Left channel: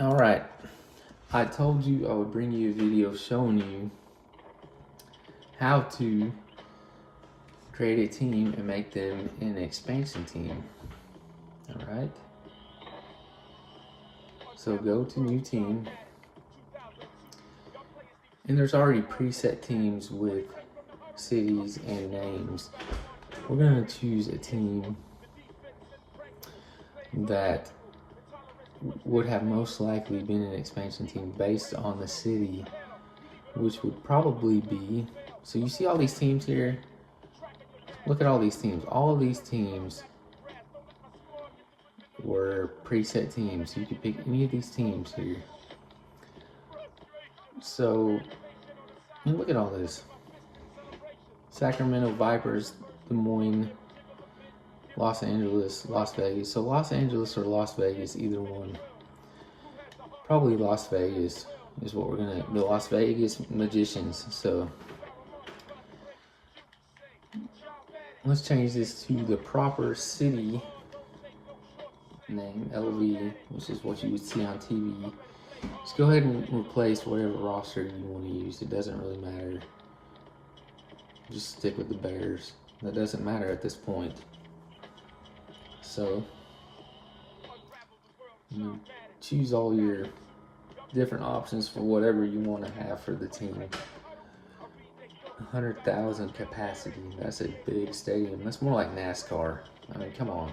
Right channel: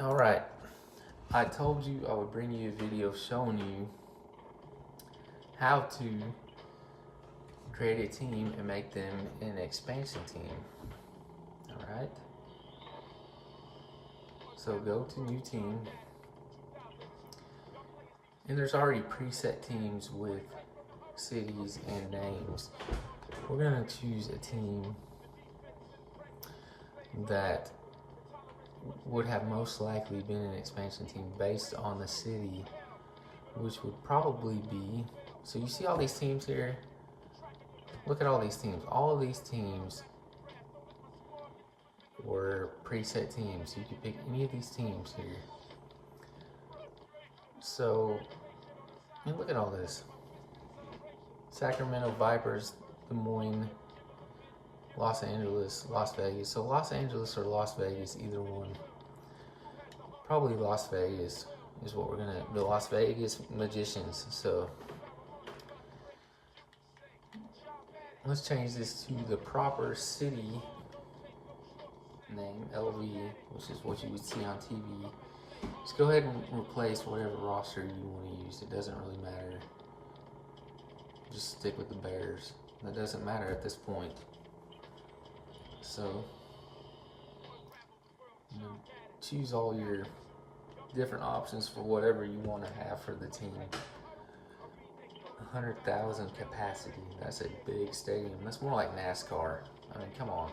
Alright, I told you I would bring you a video showing you how to create a team and make them an expansion team. Alright, so go to new team, and there's already preset teams with cities and names. We're going to choose a team that would have most likely been an expansion team based on the city, which would probably be, so you see all these teams here? Look at all these teams. All of these teams were preset teams. You could pick any of these teams here. So, look at all this. Sacramento Vipers, Des Moines, Los Angeles, Las Vegas. So Los Angeles or Las Vegas, either one. Probably Las Vegas is what we're gonna, the Las Vegas Magicians. So let's change this to the proper city name, LV, which is what you would see on TV. Just go ahead and replace whatever roster you want to use. It doesn't really matter. Just stick with the Bears. That doesn't matter at this point. So you choose all your different options for whatever you want to have for the team. 100,000 capacity. That's a big stadium. That's more like NASCAR. I mean, come on.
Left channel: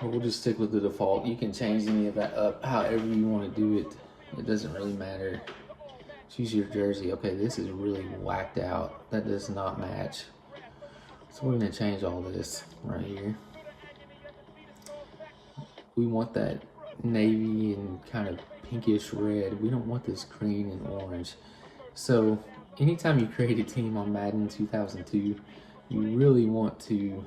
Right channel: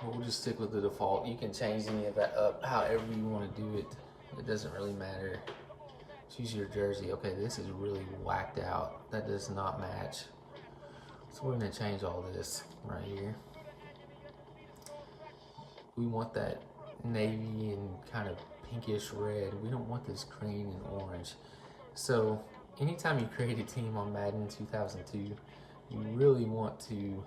We'll just stick with the default. You can change any of that up however you want to do it. It doesn't really matter. Choose your jersey. Okay, this is really whacked out. That does not match. So we're going to change all this right here. We want that navy and kind of pinkish red. We don't want this green and orange. So anytime you create a team on Madden 2002, you really want to,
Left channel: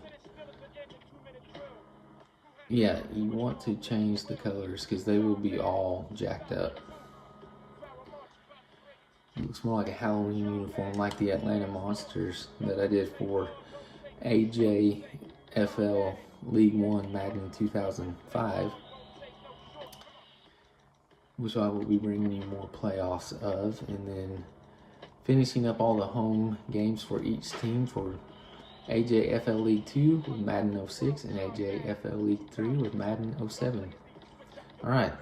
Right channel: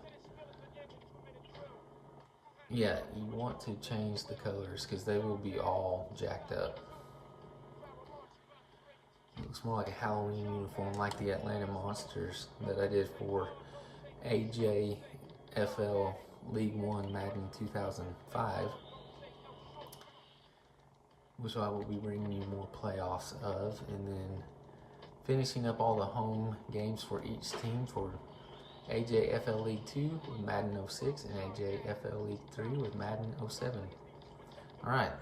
you want to change the colors because they will be all jacked up. It looks more like a Halloween uniform, like the Atlanta Monsters that I did for AJFL League One Madden 2005, which I will be bringing you more playoffs of, and then finishing up all the home games for each team for AJFL League 2 with Madden 06 and AJFL League 3 with Madden 07. Alright.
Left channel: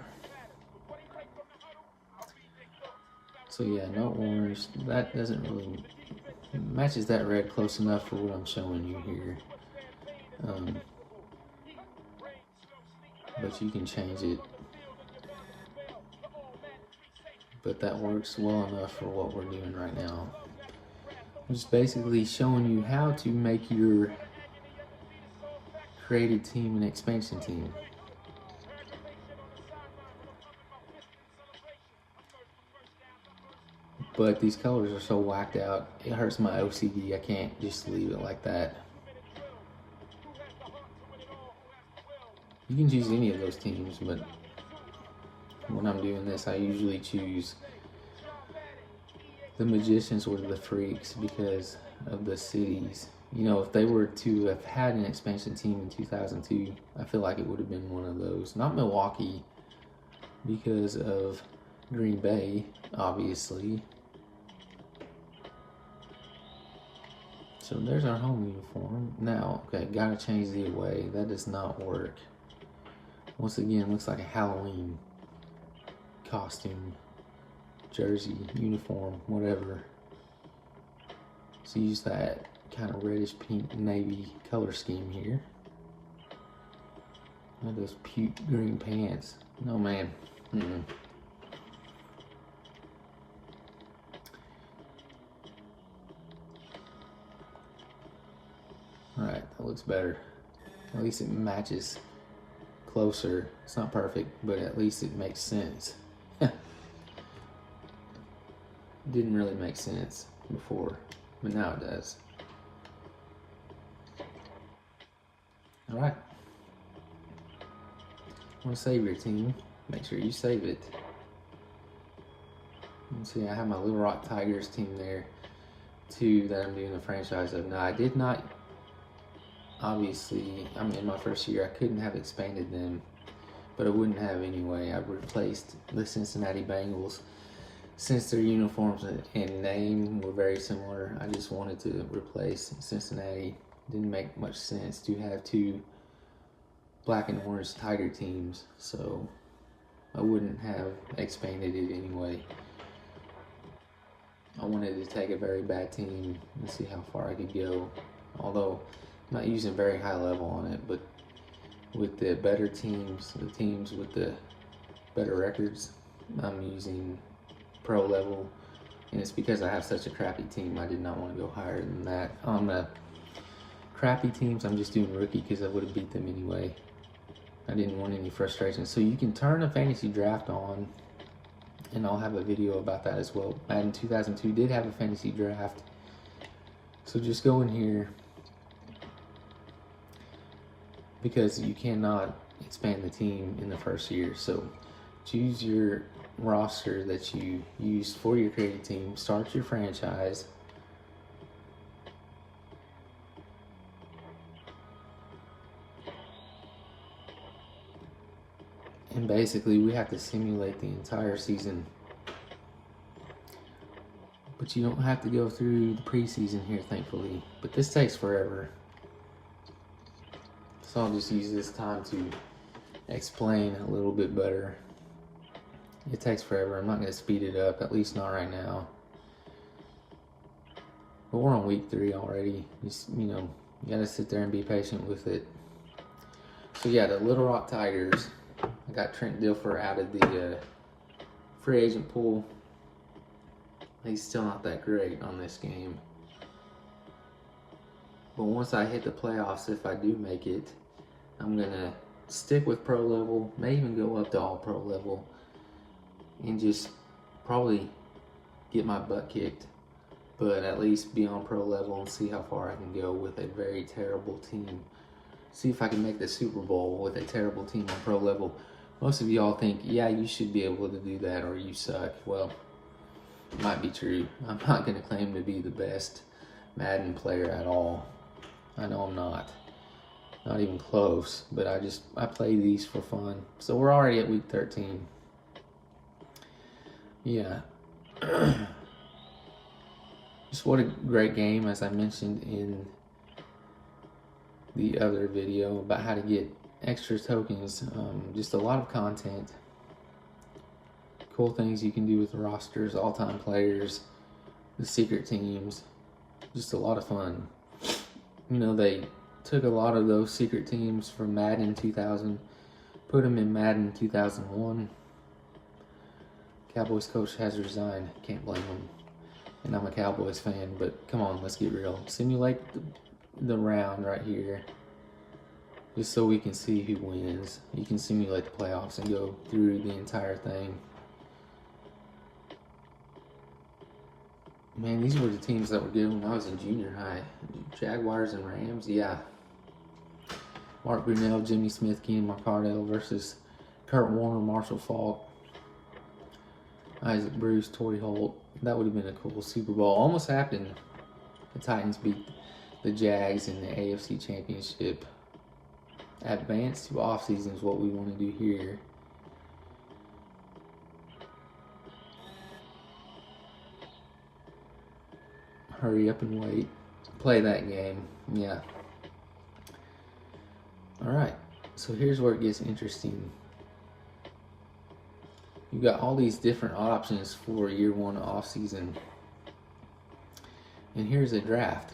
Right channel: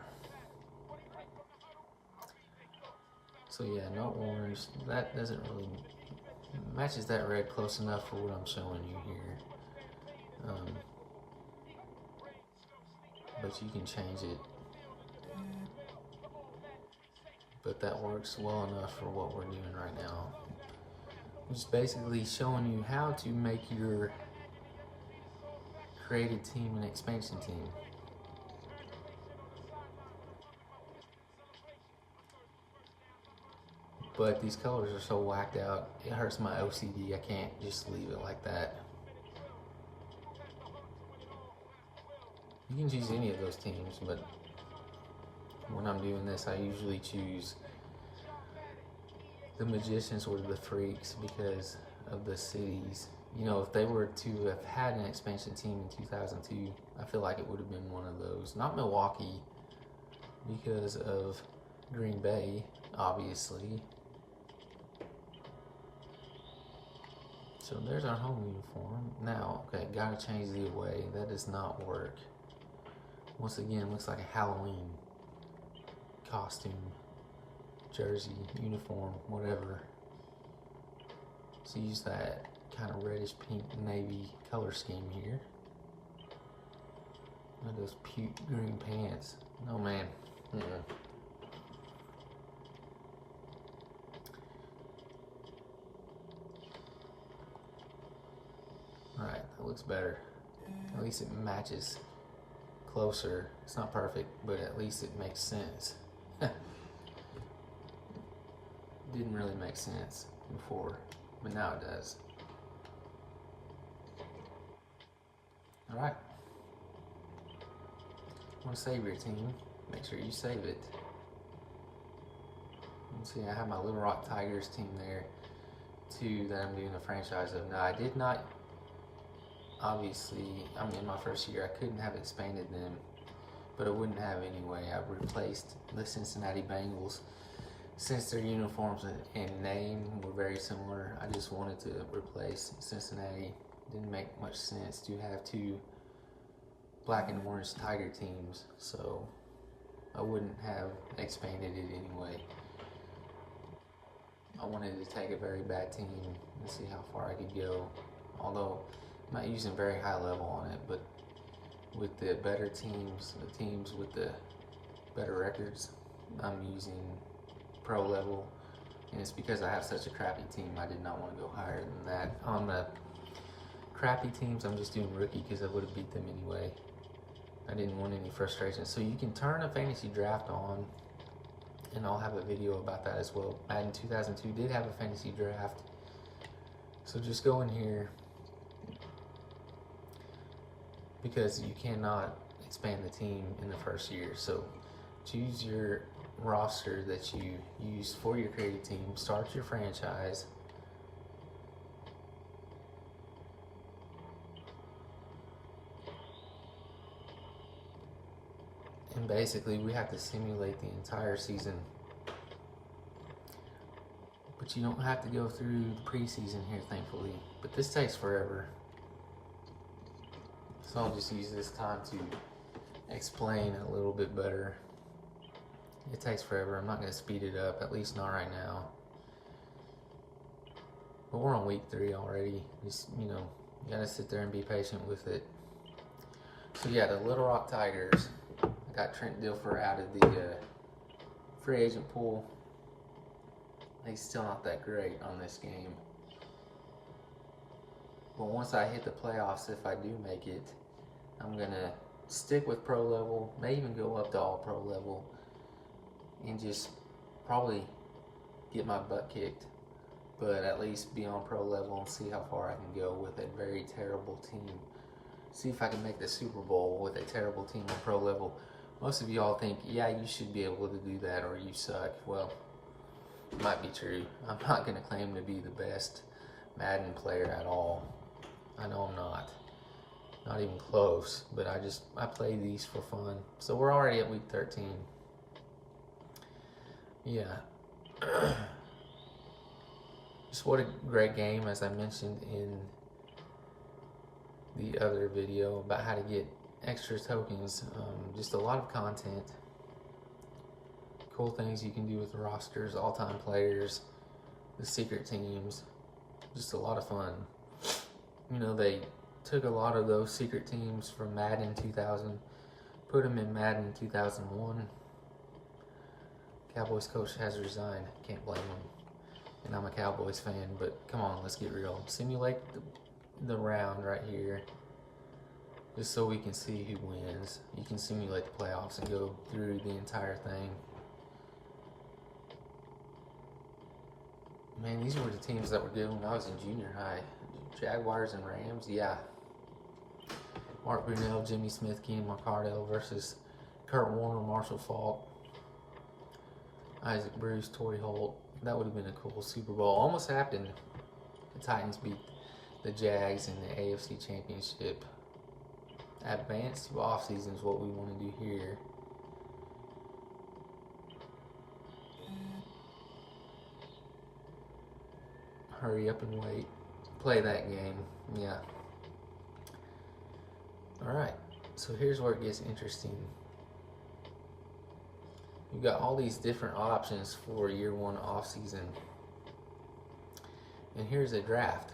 So yeah, no orange. That doesn't really matches that red close enough for what I'm showing you here. But you can change it. But that works well enough for what we're doing right now. I'm just basically showing you how to make your created team an expansion team. But these colors are so whacked out, it hurts my OCD. I can't just leave it like that. You can choose any of those teams, but when I'm doing this, I usually choose the Magicians or the Freaks because of the cities. You know, if they were to have had an expansion team in 2002, I feel like it would have been one of those. Not Milwaukee because of Green Bay, obviously. So there's our home uniform. Now, okay, gotta change the away. That does not work. Once again, looks like a Halloween costume, jersey, uniform, whatever. So use that kind of reddish pink navy color scheme here. Look at those puke green pants. No man. Alright, that looks better. At least it matches closer. It's not perfect, but at least it makes sense. Didn't really make sense before, but now it does. Alright. Want to save your team, make sure you save it. Let's see, I have my Little Rock Tigers team there too that I'm doing a franchise of. Now I did not, obviously, I mean, in my first year I couldn't have expanded them but I wouldn't have anyway. I've replaced the Cincinnati Bengals. Since their uniforms and name were very similar, I just wanted to replace Cincinnati. Didn't make much sense to have two black and orange Tiger teams, so I wouldn't have expanded it anyway. I wanted to take a very bad team and see how far I could go, although I'm not using very high level on it, but with the better teams, the teams with the better records, I'm using pro level, and it's because I have such a crappy team. I did not want to go higher than that. On the crappy teams, I'm just doing rookie because I would have beat them anyway. I didn't want any frustration. So you can turn a fantasy draft on, and I'll have a video about that as well. Madden 2002 did have a fantasy draft, so just go in here, because you cannot expand the team in the first year. So choose your roster that you use for your created team, start your franchise, and basically we have to simulate the entire season. But you don't have to go through the preseason here, thankfully, but this takes forever. So I'll just use this time to explain a little bit better. It takes forever. I'm not going to speed it up, at least not right now. But we're on week 3 already. You know, you got to sit there and be patient with it. So yeah, the Little Rock Tigers. I got Trent Dilfer out of the free agent pool. He's still not that great on this game. But once I hit the playoffs, if I do make it, I'm going to stick with pro level, may even go up to all pro level, and just probably get my butt kicked, but at least be on pro level and see how far I can go with a very terrible team. See if I can make the Super Bowl with a terrible team on pro level. Most of y'all think, yeah, you should be able to do that or you suck. Well, it might be true. I'm not going to claim to be the best Madden player at all. I know I'm not even close, but I play these for fun. So we're already at week 13. Yeah. Just what a great game, as I mentioned in the other video about how to get extra tokens. Just a lot of content. Cool things you can do with the rosters, all-time players, the secret teams. Just a lot of fun. You know, they took a lot of those secret teams from Madden 2000, put them in Madden 2001. Cowboys coach has resigned. Can't blame him. And I'm a Cowboys fan, but come on, let's get real. Simulate the round right here, just so we can see who wins. You can simulate the playoffs and go through the entire thing. Man, these were the teams that were good when I was in junior high. Jaguars and Rams, yeah. Mark Brunell, Jimmy Smith, Ken McCardell versus Kurt Warner, Marshall Faulk, Isaac Bruce, Torrey Holt. That would have been a cool Super Bowl. Almost happened. The Titans beat the Jags in the AFC Championship. Advance to offseason is what we want to do here. Hurry up and wait. Play that game. Yeah. Alright. So here's where it gets interesting. You've got all these different options for year 1 off season. And here's a draft.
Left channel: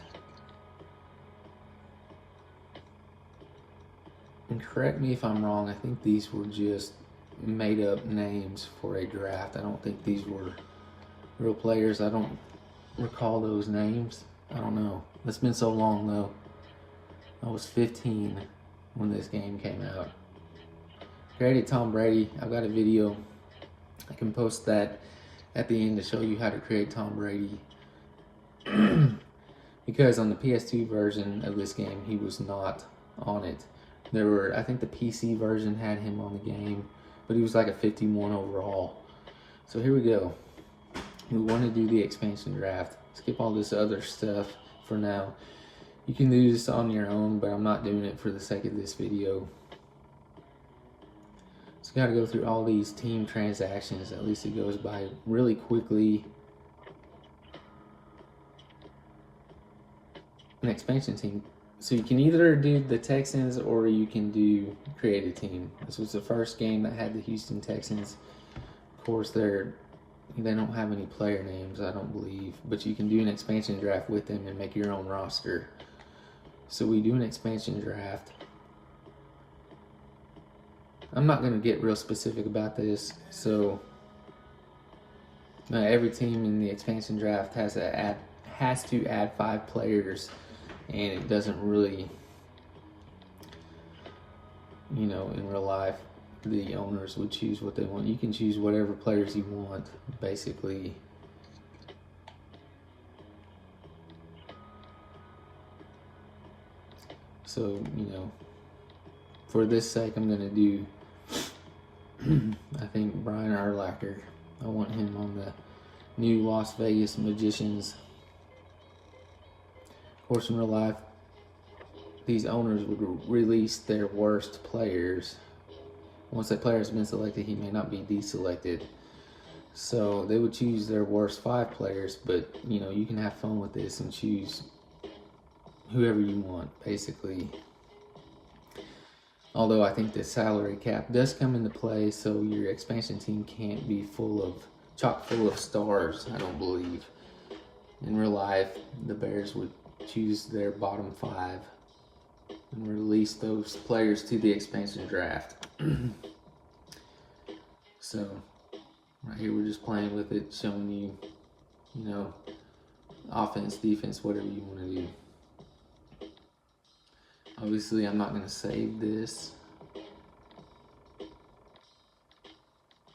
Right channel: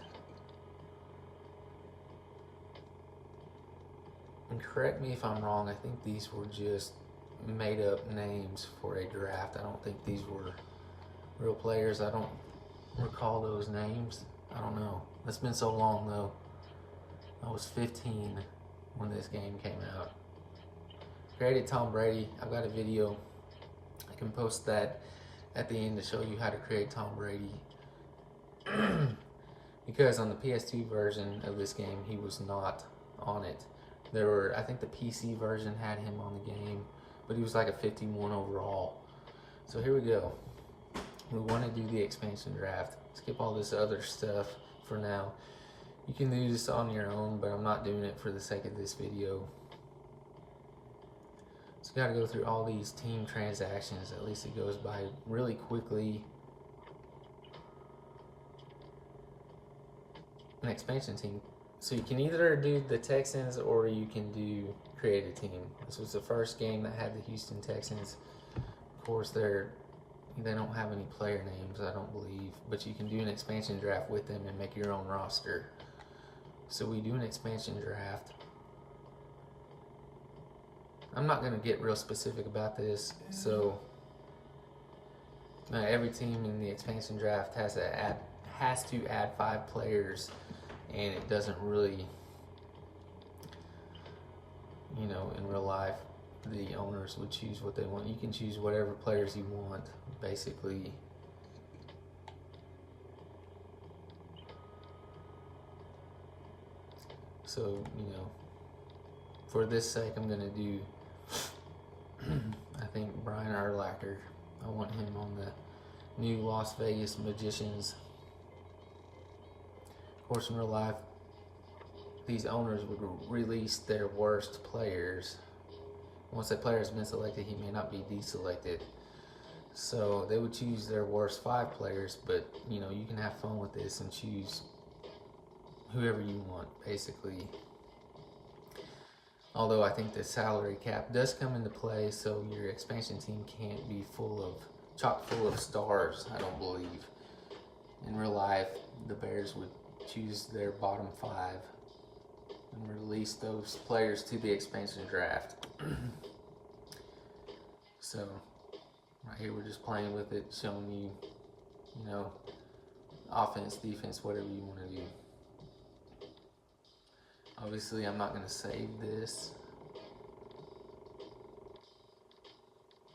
And correct me if I'm wrong, I think these were just made up names for a draft. I don't think these were real players. I don't recall those names. I don't know. It's been so long though. I was 15 when this game came out. Created Tom Brady. I've got a video. I can post that at the end to show you how to create Tom Brady. Because on the PS2 version of this game, he was not on it. There were, I think the PC version had him on the game, but he was like a 51 overall. So here we go. We want to do the expansion draft. Skip all this other stuff for now. You can do this on your own, but I'm not doing it for the sake of this video. So you got to go through all these team transactions. At least it goes by really quickly. An expansion team. So you can either do the Texans or you can do create a team. This was the first game that had the Houston Texans. Of course, they don't have any player names, I don't believe, but you can do an expansion draft with them and make your own roster. So we do an expansion draft. I'm not going to get real specific about this. So every team in the expansion draft has to add 5 players, and it doesn't really, in real life, the owners would choose what they want. You can choose whatever players you want, basically. So, for this sake, I'm going to do, I think, Brian Urlacher. I want him on the new Las Vegas Magicians. Of course, in real life, these owners would release their worst players. Once that player has been selected, he may not be deselected. So they would choose their worst 5 players, but you can have fun with this and choose whoever you want, basically. Although I think the salary cap does come into play, so your expansion team can't be chock full of stars, I don't believe. In real life, the Bears would choose their bottom 5 and release those players to the expansion draft. So, right here we're just playing with it, showing you, offense, defense, whatever you want to do. Obviously, I'm not going to save this.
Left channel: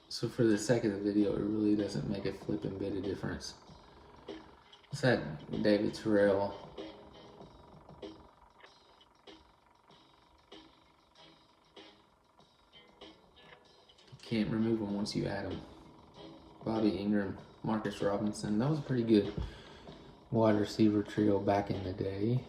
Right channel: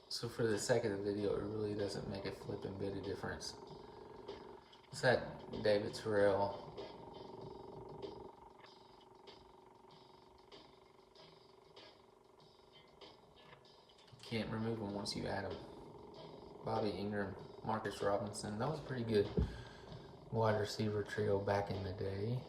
So for the sake of the video, it really doesn't make a flipping bit of difference. What's that? David Terrell. Can't remove them once you add them. Bobby Ingram, Marcus Robinson. That was a pretty good wide receiver trio back in the day.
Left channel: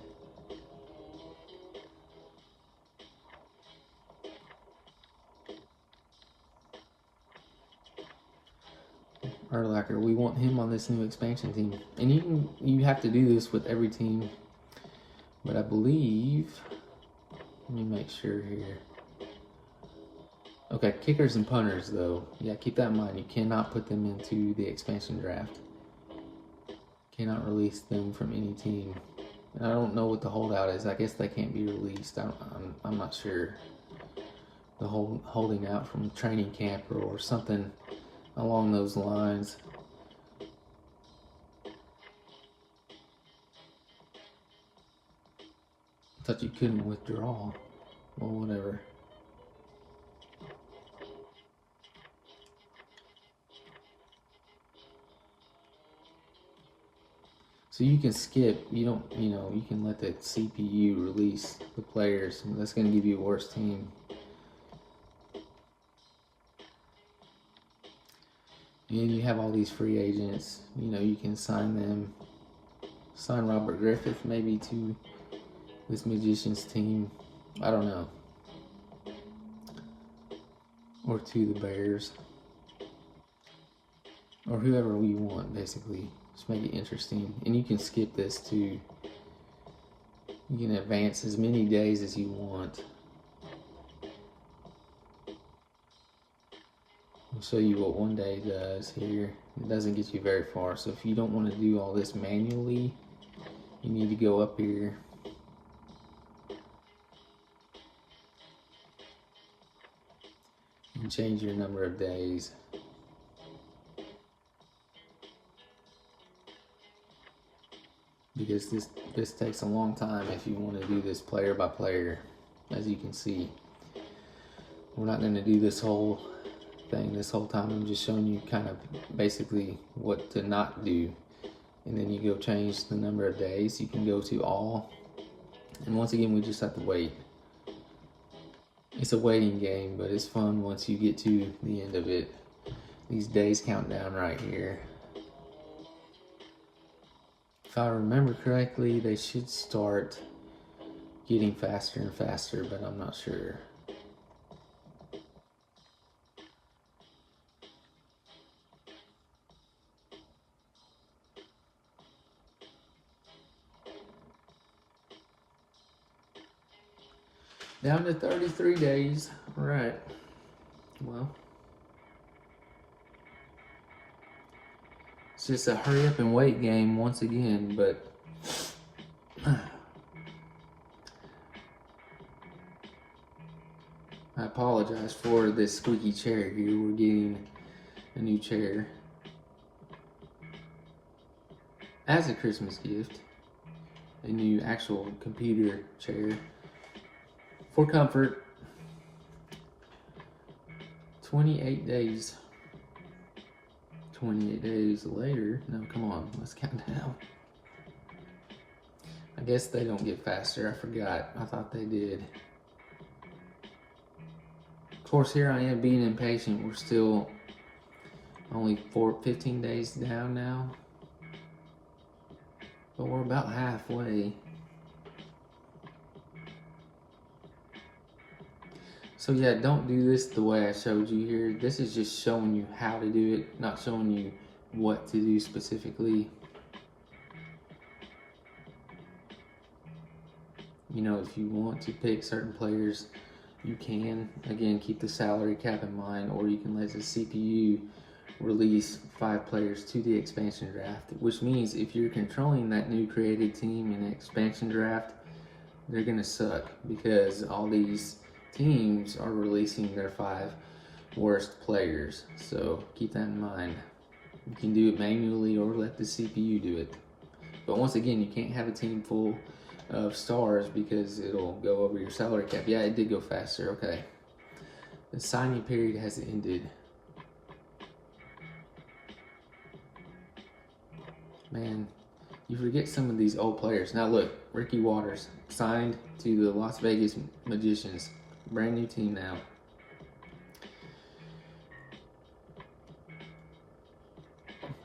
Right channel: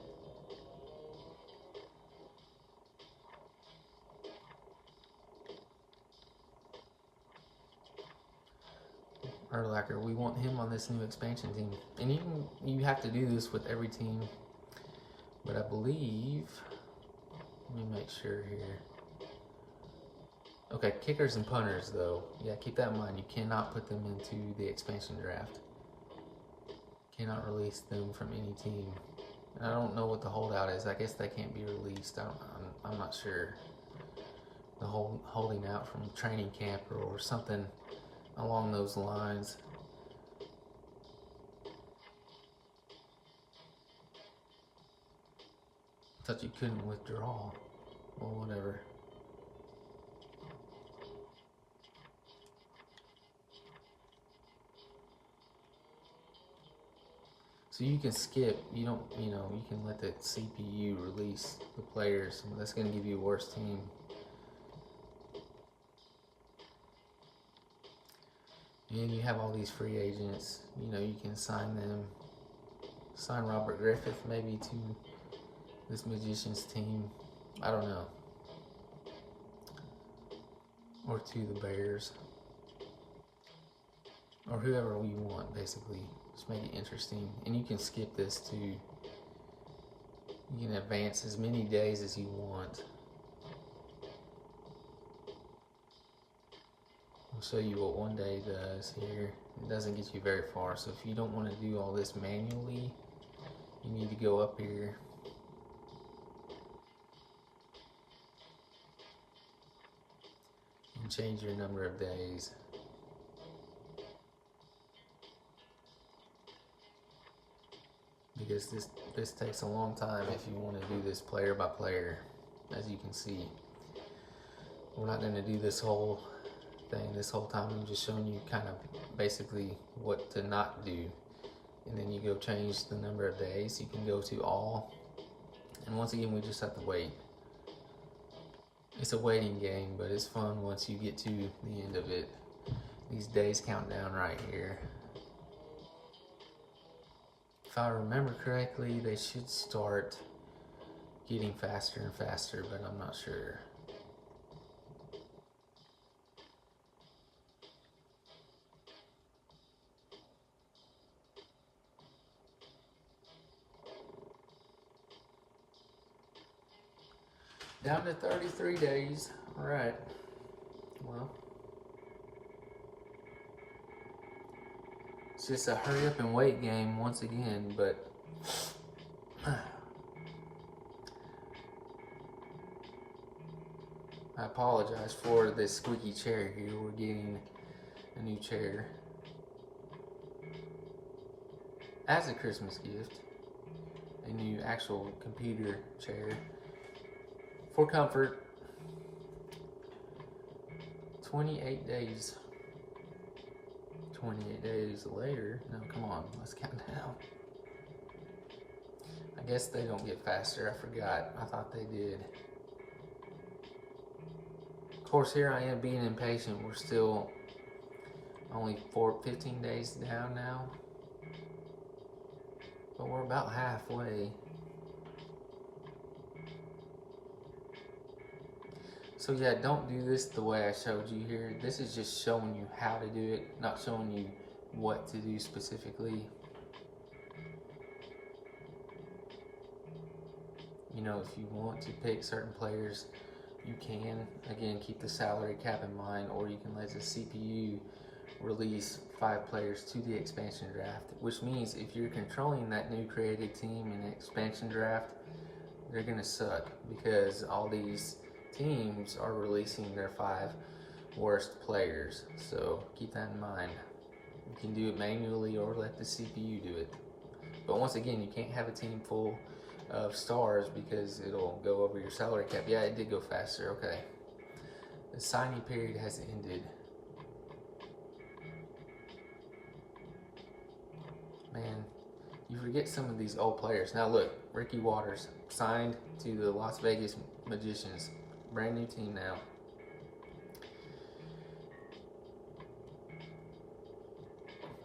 Urlacher, we want him on this new expansion team. And you have to do this with every team. But I believe, let me make sure here. Okay, kickers and punters, though. Yeah, keep that in mind. You cannot put them into the expansion draft. Cannot release them from any team. And I don't know what the holdout is. I guess they can't be released. I'm not sure. The whole holding out from training camp or something along those lines. I thought you couldn't withdraw. Well, whatever. So you can skip, you can let the CPU release the players. That's going to give you a worse team. And you have all these free agents. You can sign them. Sign Robert Griffith maybe to this Magicians team. I don't know. Or to the Bears. Or whoever we want, basically. Just make it interesting. And you can skip this too. You can advance as many days as you want. I'll show you what one day does here. It doesn't get you very far. So if you don't want to do all this manually, you need to go up here. And change your number of days. Because this takes a long time if you want to do this player by player, as you can see. We're not going to do this whole thing this whole time. I'm just showing you kind of basically what to not do. And then you go change the number of days. You can go to all. And once again, we just have to wait. It's a waiting game, but it's fun once you get to the end of it. These days count down right here. If I remember correctly, they should start getting faster and faster, but I'm not sure. Down to 33 days. All right. Well, it's just a hurry up and wait game once again, but I apologize for this squeaky chair here. We're getting a new chair as a Christmas gift, a new actual computer chair for comfort. 28 days. 28 days later. No, come on, let's count down. I guess they don't get faster. I forgot. I thought they did. Of course, here I am being impatient. We're still only 15 days down now. But we're about halfway. So yeah, don't do this the way I showed you here. This is just showing you how to do it, not showing you what to do specifically. You know, if you want to pick certain players, you can. Again, keep the salary cap in mind, or you can let the CPU release 5 players to the expansion draft, which means if you're controlling that new created team in the expansion draft, they're gonna suck because all these teams are releasing their 5 worst players. So keep that in mind. You can do it manually or let the CPU do it. But once again, you can't have a team full of stars because it'll go over your salary cap. Yeah, it did go faster. Okay. The signing period has ended. Man, you forget some of these old players. Now look, Ricky Waters signed to the Las Vegas Magicians. Brand new team now.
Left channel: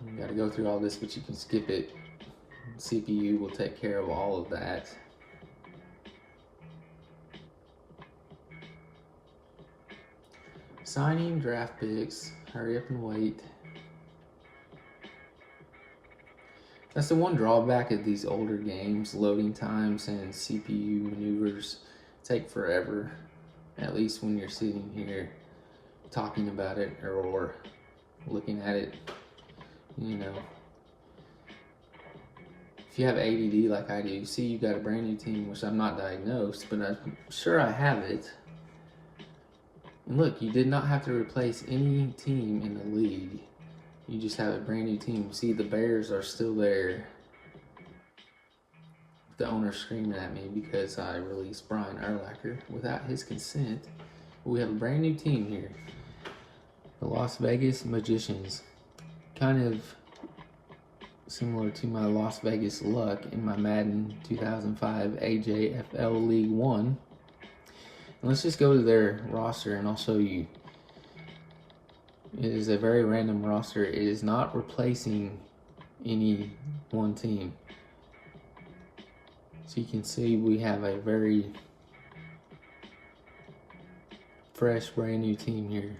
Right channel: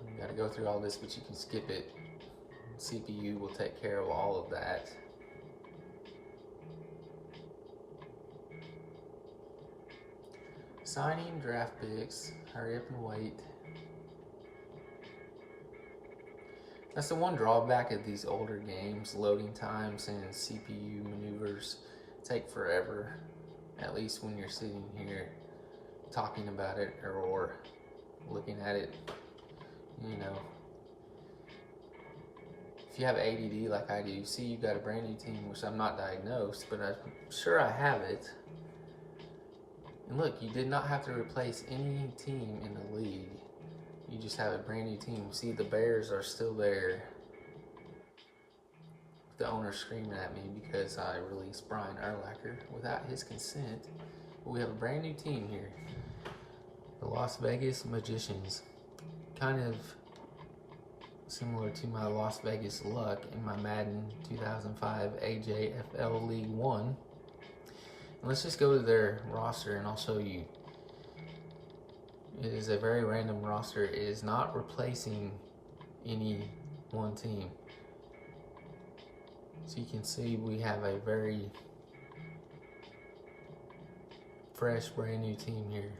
You gotta go through all this, but you can skip it. CPU will take care of all of that. Signing draft picks. Hurry up and wait. That's the one drawback of these older games. Loading times and CPU maneuvers take forever. At least when you're sitting here talking about it or looking at it, you know. If you have ADD like I do, see you got a brand new team, which I'm not diagnosed, but I'm sure I have it. And look, you did not have to replace any team in the league. You just have a brand new team. See, the Bears are still there. The owner's screaming at me because I released Brian Urlacher without his consent. We have a brand new team here. The Las Vegas Magicians. Kind of similar to my Las Vegas Luck in my Madden 2005 AJFL League 1. And let's just go to their roster and I'll show you. It is a very random roster. It is not replacing any one team. So you can see we have a very fresh, brand new team here.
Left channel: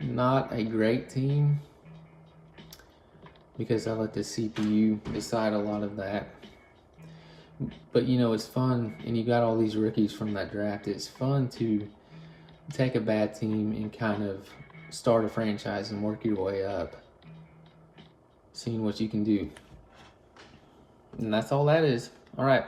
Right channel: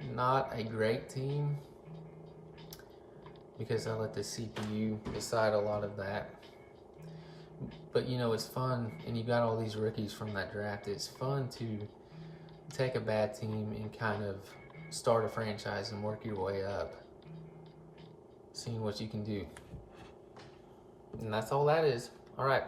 Not a great team because I let the CPU decide a lot of that. But you know, it's fun, and you got all these rookies from that draft. It's fun to take a bad team and kind of start a franchise and work your way up, seeing what you can do. And that's all that is. All right.